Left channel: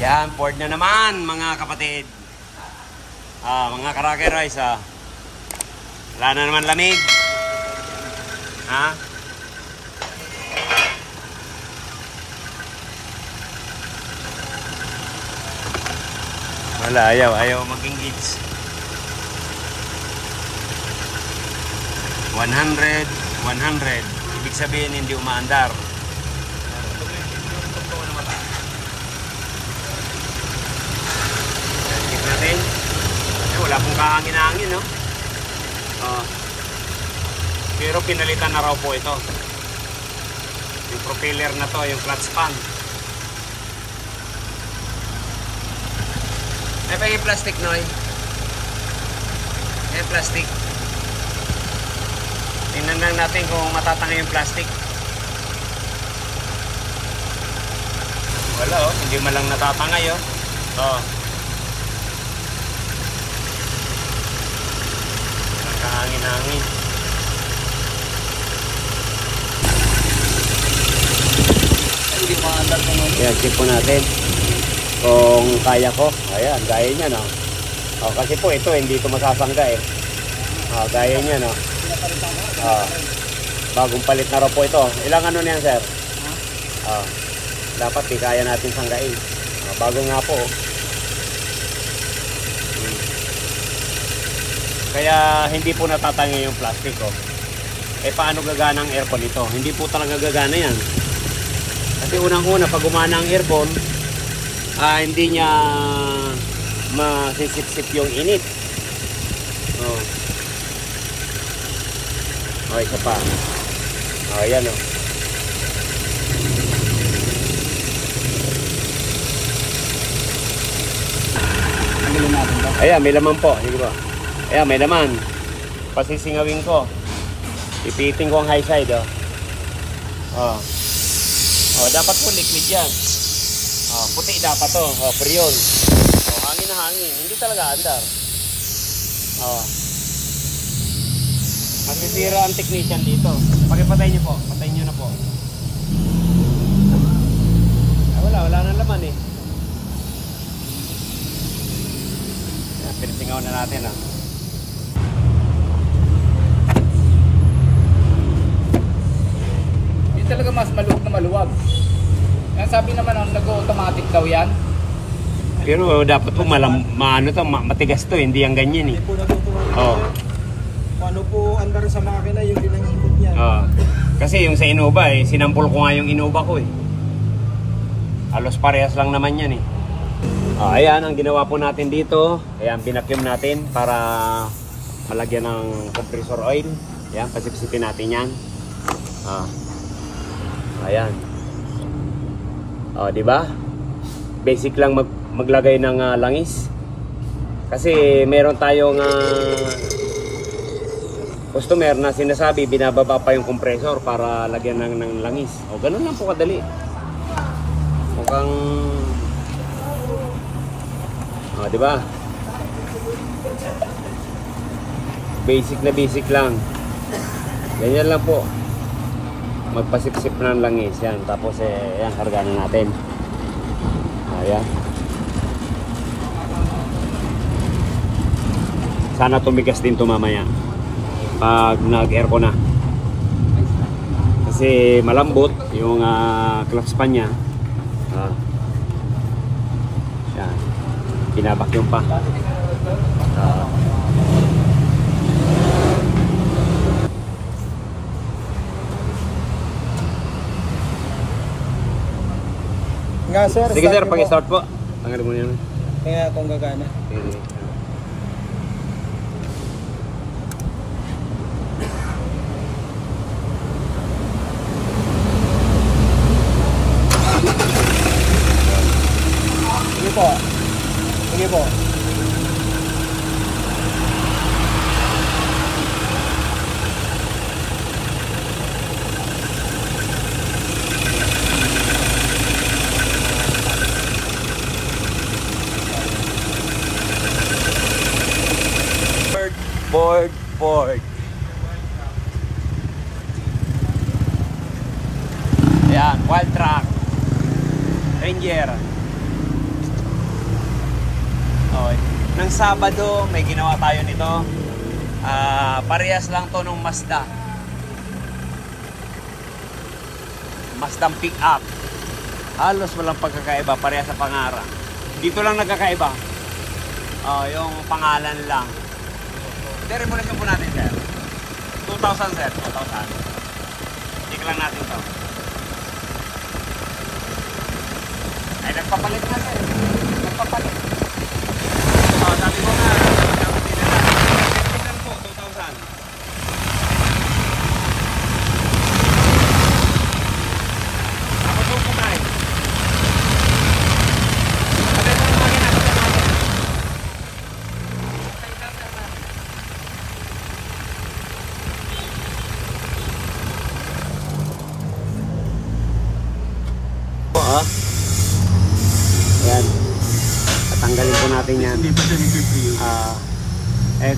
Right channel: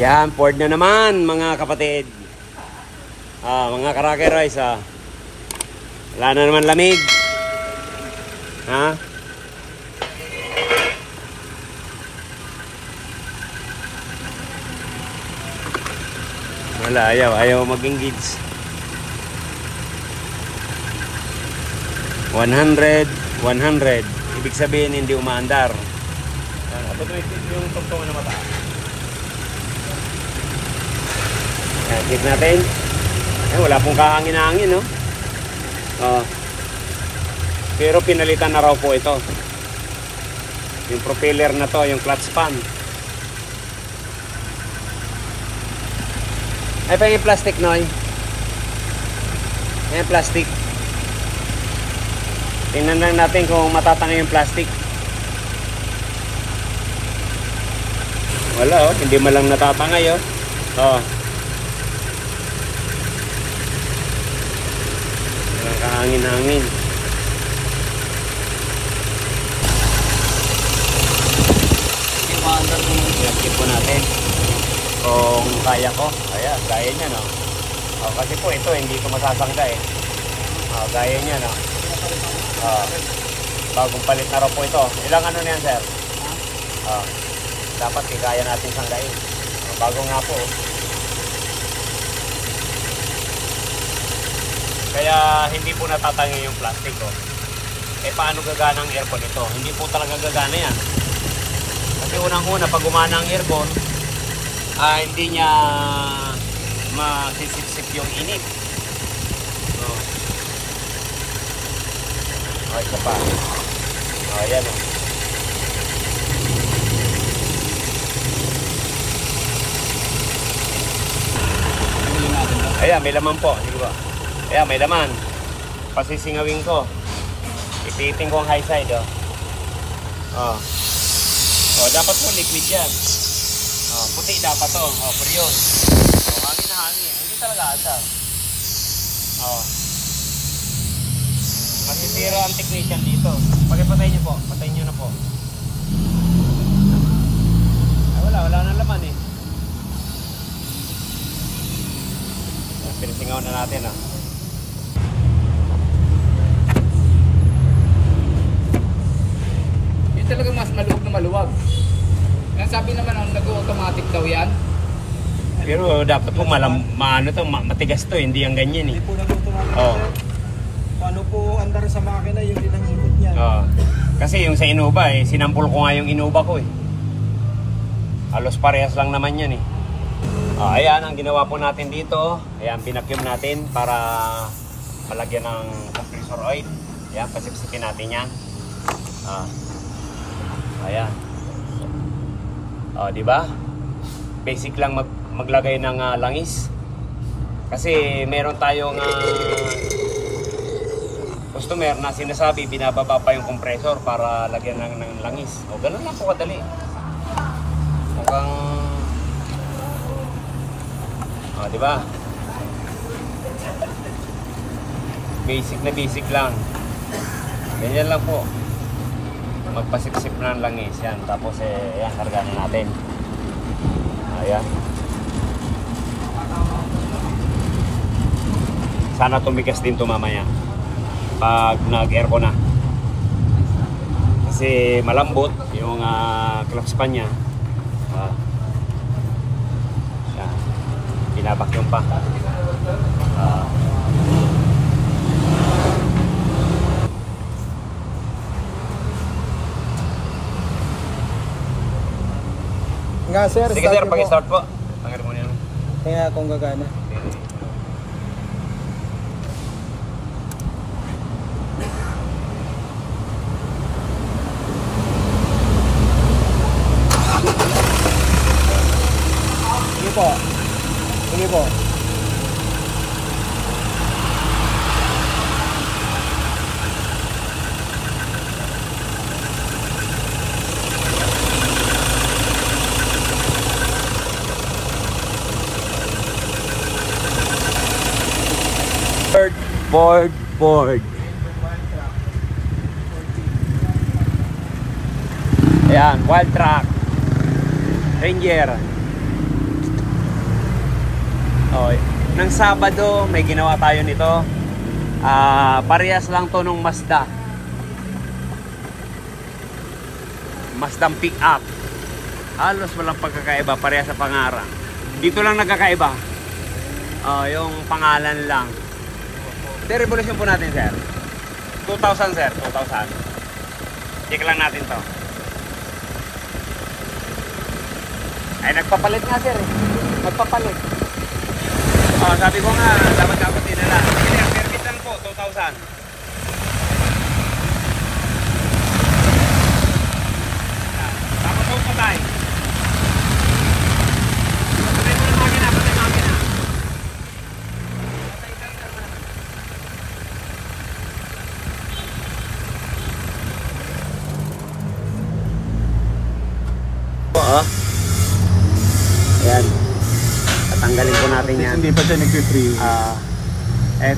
Yan, Ford na naman mga kapatid. Mga Karaker Rice wala na naman lamig. Wala, ayaw mag-engage. 100. Ibig sabihin hindi umaandar. Yung tugtong na mata. Check natin. Wala pong kahangin-hangin, no? Pero pinalitan na raw po ito. Yung propeller na to, yung clutch pan. Ay pa yung plastic, Noy. Ayan, plastic. Tingnan lang natin kung matatangay yung plastic. Wala, hindi malang natatangay, Walang kahangin-hangin. Hindi maandar ko. Ayan, check po natin kung kaya ko. Ayan, gaya nyo, no? Kasi po ito, hindi ko masasangga, gaya nyo, no? Bagong palit na raw po ito. Ilang ano na yan, sir? Dapat kaya natin sanggain. Bago nga po. Kaya hindi po natatangi yung plastic. Paano gagana ang aircon ito? Hindi po talaga gagana yan. Kasi unang-una, pag gumana ang aircon, hindi niya masisip-sip yung init. Ay, ito pa. Ayan, Ayan, may laman po. Ayan, may laman. Pasisingawin ko. Ipiting ko ang high side. Dapat po liquid yan. Puti dapat to. Priol. Hangin na hangin. Hindi talaga andar. Masisira ang technician dito. Pakipatay nyo po. Patay nyo na po. Wala na naman Pinisingaw na natin Hindi talaga mas maluwag na maluwag. Sabi naman nag-automatic daw yan. Pero dapat po matigas to, hindi yung ganyan Hindi po nag-automatic. Paano po andar sa makina yung dinangikot niya? Kasi yung sa Innova sinampol ko nga yung Innova ko Halos parehas lang naman yan Ayan ang ginawa po natin dito. Ayan, pinakyum natin para malagyan ng compressor oil. Ayan, pasipsipin natin yan. Ayan. Diba? Basic lang maglagay ng langis. Kasi meron tayong customer na sinasabi binababa pa yung compressor para lagyan ng langis. Ganun lang po kadali. Mukhang diba? Basic lang. Ganyan lang po. Magpasip-sip na ng langis yan. Tapos yan, kargahan natin. Ayan. Sana tumigas din ito mamaya pag nag-aircon na. Kasi malambot yung clutch pan nya. Yan. Binabakyum pa. Nga sir, sige sir, pag-start po. Tanggalin mo yan. Kaya kung gagana. Sige po. Sige po. Ford. Ayan, Wild Track Ranger Okay. Nang Sabado, may ginawa tayo nito. Parehas lang to nung Mazda. Mazdang pick-up. Halos walang pagkakaiba, parehas sa pangarang. Dito lang nagkakaiba. Yung pangalan lang. De-revolution po natin, sir. 2,000, sir. 2,000. Check lang natin to. Ay, nagpapalit nga, sir. Nagpapalit. Sabi ko nga, dapat din nila. Service lang po, 2,000. Tapos po tayo. Sabay ko lang makina, sabay makina. Ayan. Tatanggalin po natin yan.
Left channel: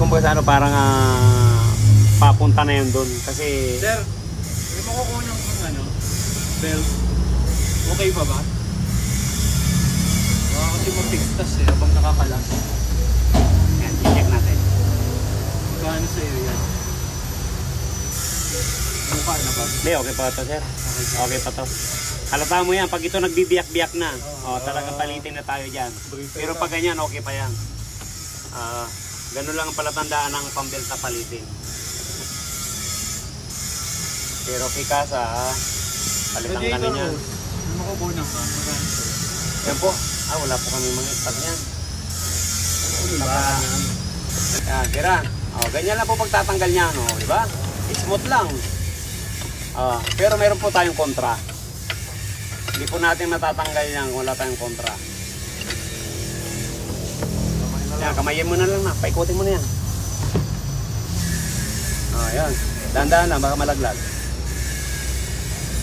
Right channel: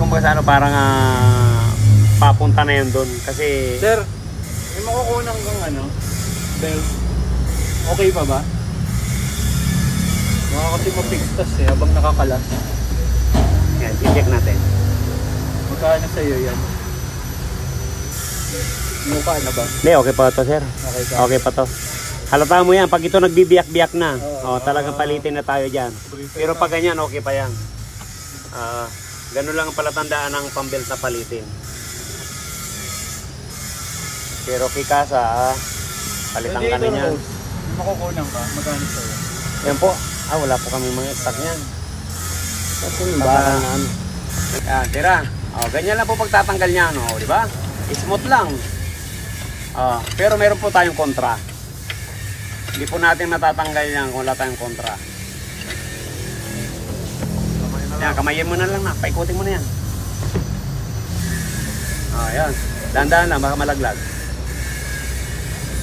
Kung baga ano, parang papunta na yun doon. Kasi... Sir, may makukunan kong ano. Then, okay pa ba? Mga kasi mapigtas eh, habang nakakalas. Ayan, i-check natin. Magkano sa'yo yan? Mukha na ba? Hindi, okay pa to, sir. Okay pa to. Halata mo yan, pag ito nagbibiyak-biyak na, talagang palitin na tayo dyan. Pero pag ganyan, okay pa yan. Ganun lang ang palatandaan ng pambelt na palitin. Pero kikasa, palitan ka na yan. Makukunan ka, magkano sa'yo? Yan po. Wala po kami mga stock niyan. Tira. Ganyan lang po pagtatanggal niya, no? Di ba? Smooth lang. Pero meron po tayong kontra. Hindi po natin matatanggal yan kung wala tayong kontra. Yan, kamayin mo na lang na. Paikutin mo na yan. Yan. Dahan-dahan lang, baka malaglag.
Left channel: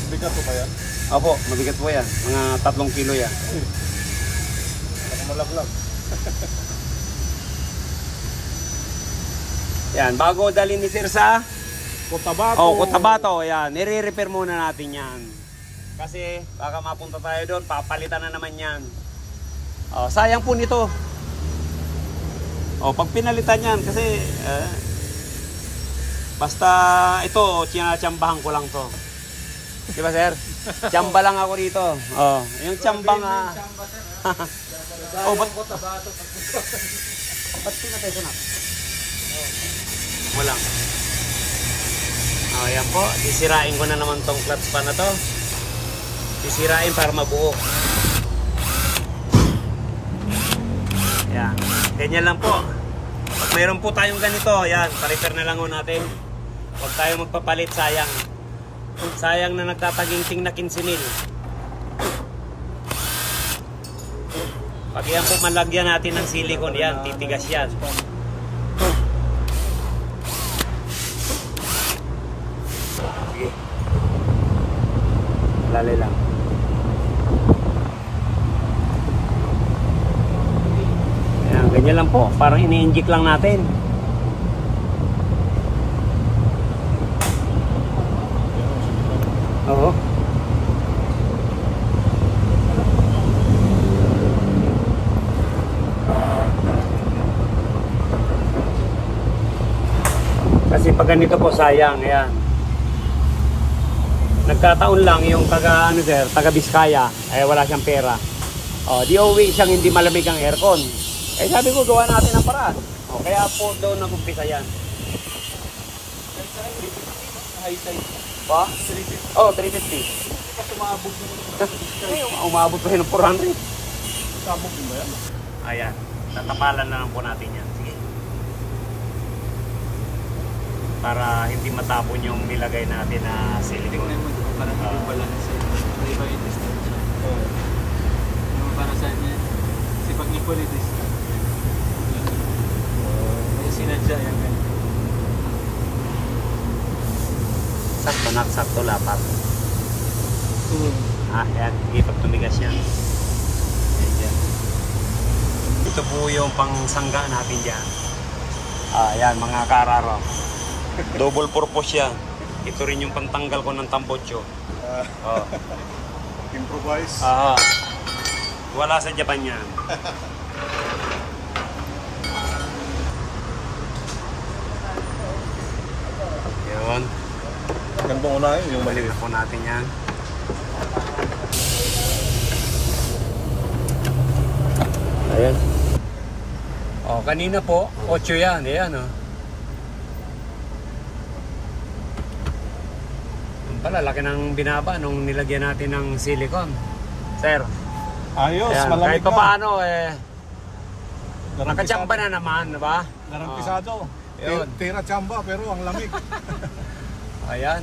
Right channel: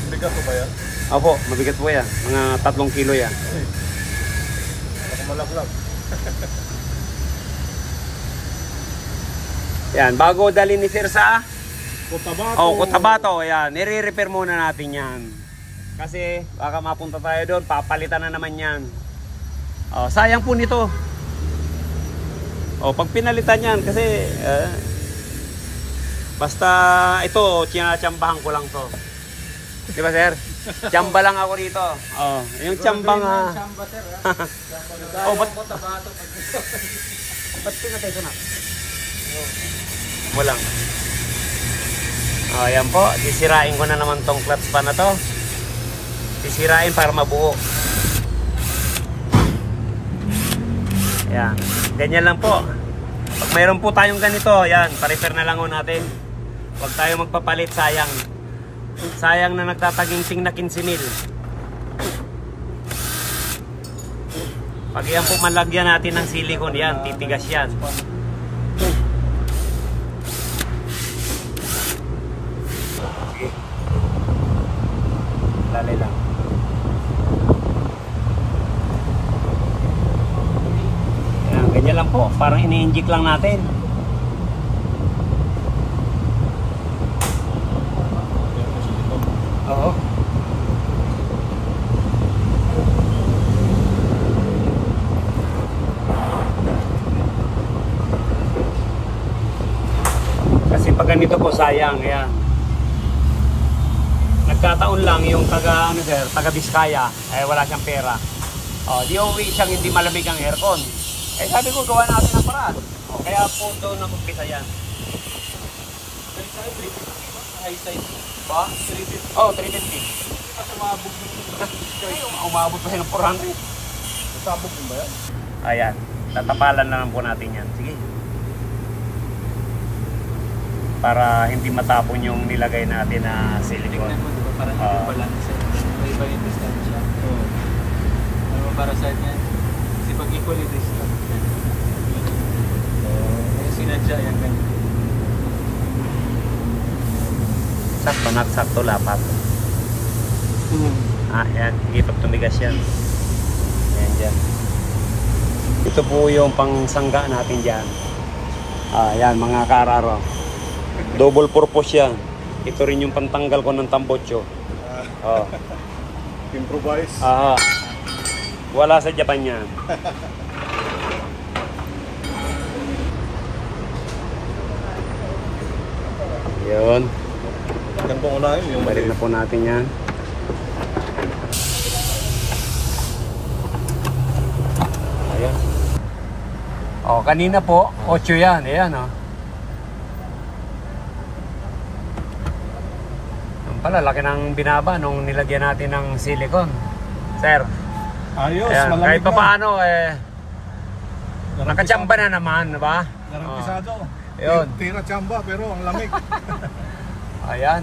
Bigat po ba yan? Opo, mabigat po yan. Mga 3 kilo yan. Baka malaglag. Yan, bago dali ni Sir sa Cotabato. Cotabato. Yan, nire-repair muna natin yan. Kasi baka mapunta tayo doon, papalitan na naman yan. Sayang po nito. Pag pinalitan yan, kasi basta ito, tiyambahan ko lang to. Di ba, sir? Tiyamba lang ako dito. Yung tiyamba nga. Ba't pinatay ko na? Walang. Yan po, sisirain ko na naman tong clutch pa na to. Sisirain para mabuo. Yan. Ganyan lang po. Pag mayroon po tayong ganito, yan, pa-repair na lang ho natin. Huwag tayo magpapalit, sayang. Sayang na nagtataginsing na 15,000. Pag yan po malagyan natin ng silicone, yan, titigas yan. Sige. Lalay lang. Ganyan lang po, parang ini-inject lang natin. Oo. Kasi pag ganito po, sayang, ayan. Nagkataon lang yung taga Biskaya, wala siyang pera. Di uwi siyang hindi malamig ang aircon. Sabi ko, gawa natin ang paraan. Kaya po doon nag-umpisa yan. High size. 350. 350. Kasi umabog na yun. Umabot pa siya ng 400. Sabog mo yan? Ayan. Tatapalan na lang po natin yan. Sige. Para hindi matapon yung nilagay natin na silicone. Parang hindi balance. Iba yung distance siya. Para sa niya. Kasi pag equal yung distance. Sinadya yan. Sakto lapat. Yan. Ipag tumigas yan. Ayan dyan. Ito po yung pangsangga natin dyan. Yan mga kararo. Double purpose yan. Ito rin yung pantanggal ko ng tambotso. Improvise. Wala sa Japan yan. Yun. Ano pong unahin? Yung Balik na po natin yan. Ayan. Oh, kanina po, 8 yan. Ayan, oh. Ang pala, laki ng binaba nung nilagyan natin ng silicone. Sir. ayos, Ayan. malamig Kahit pa na. paano, nakachamba na naman, diba? Garantisado. Yun. Tira chamba pero ang lamig. Ayan.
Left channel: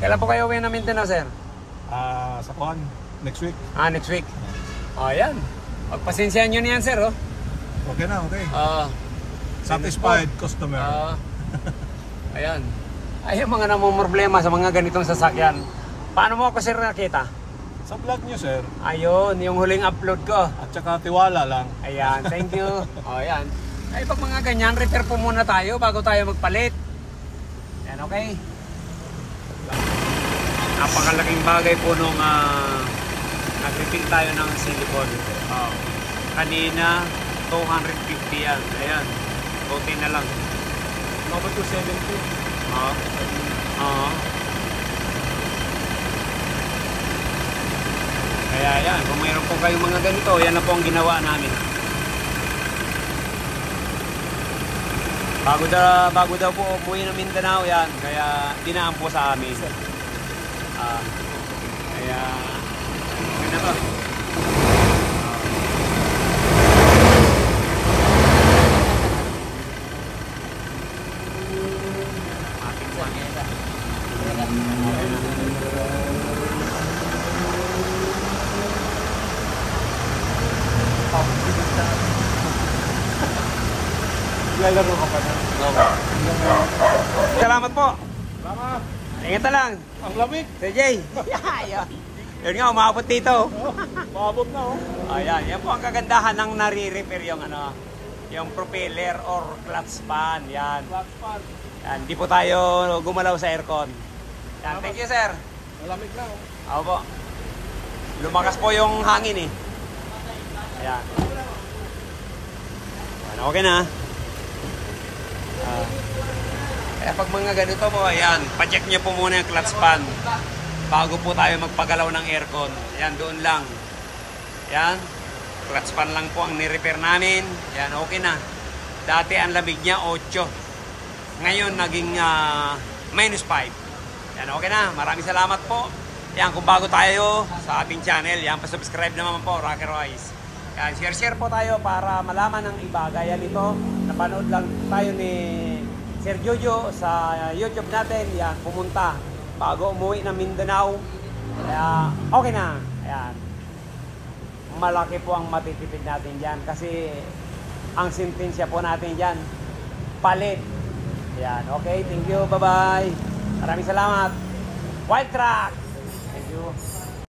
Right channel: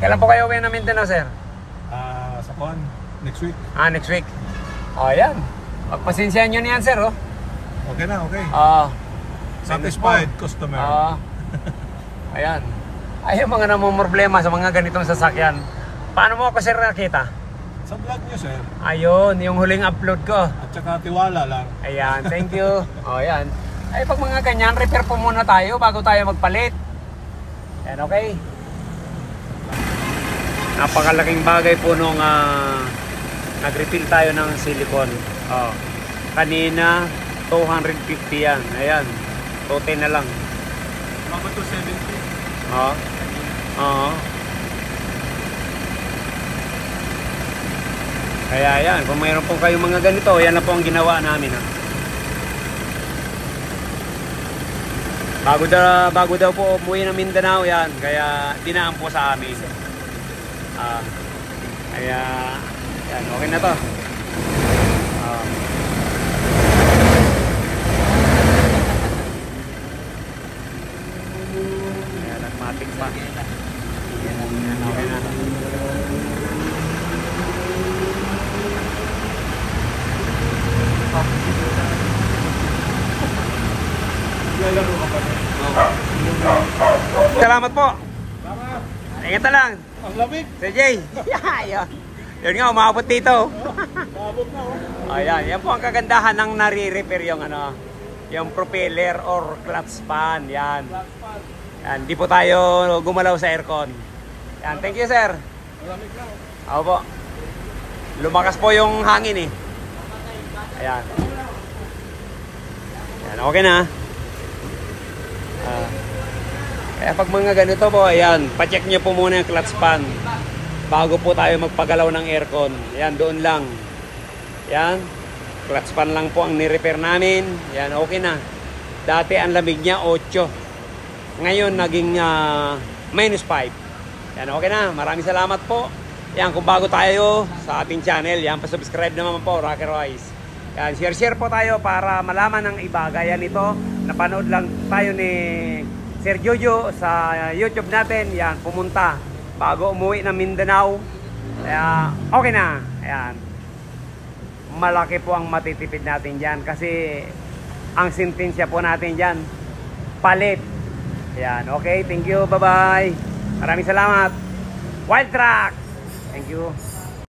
Kailan po kayo uwi na Mindanao, sir? Sa Kuan, next week. Next week. Ayan. Pagpasensyahan nyo niyan, sir, oh. Okay na, okay. Satisfied customer. Ayan. Ay, yung mga namumroblema sa mga ganitong sasakyan. Paano mo ako, sir, nakita? Sa vlog nyo, sir. Ayun, yung huling upload ko. At saka tiwala lang. Ayan, thank you. Ayan. Ay, pag mga ganyan, repair po muna tayo bago tayo magpalit. Ayan, okay. Napakalaking bagay po nung nag-refill tayo ng silicone. Kanina, 250 yan. Ayan, 210 na lang. Number 270. Oo. Kaya yan, kung mayroon po kayong mga ganito, yan na po ang ginawa namin. Bago daw po umuwi ng Mindanao yan, kaya dinaan po sa amin. Kaya yan, okay na to. Nagmatik pa. Okay na. Salamat po. Salamat. Ingat na lang. Ang lamig. Sir Jay. Yun nga, umabot dito. Maabot na, oh. Ayan, yan po ang kagandahan ng nare-repair yung yung propeller or clutch pan. Yan. Yan, di po tayo gumalaw sa aircon. Yan, thank you, sir. Ang lamig na, oh. Ako po. Lumakas po yung hangin, eh. Ayan. Ayan, okay na. Kaya pag mga ganito po, ayan, pacheck nyo po muna yung clutch pan bago po tayo magpagalaw ng aircon. Ayan, doon lang. Ayan, clutch pan lang po ang ni-repair namin. Ayan, okay na. Dati ang lamig niya 8. Ngayon naging -5. Ayan, okay na. Maraming salamat po. Ayan, kung bago tayo sa ating channel, ayan, pa-subscribe naman po, Rocker Wise. Ayan, share po tayo para malaman ng iba. Gaya nito, napanood lang tayo ni Sir Jojo sa YouTube natin. Yan, pumunta bago umuwi ng Mindanao. Kaya okay na. Ayan. Malaki po ang matitipid natin dyan kasi ang sentensya po natin dyan, palit. Ayan, okay. Thank you. Bye-bye. Maraming salamat. Wild Tracks. Thank you.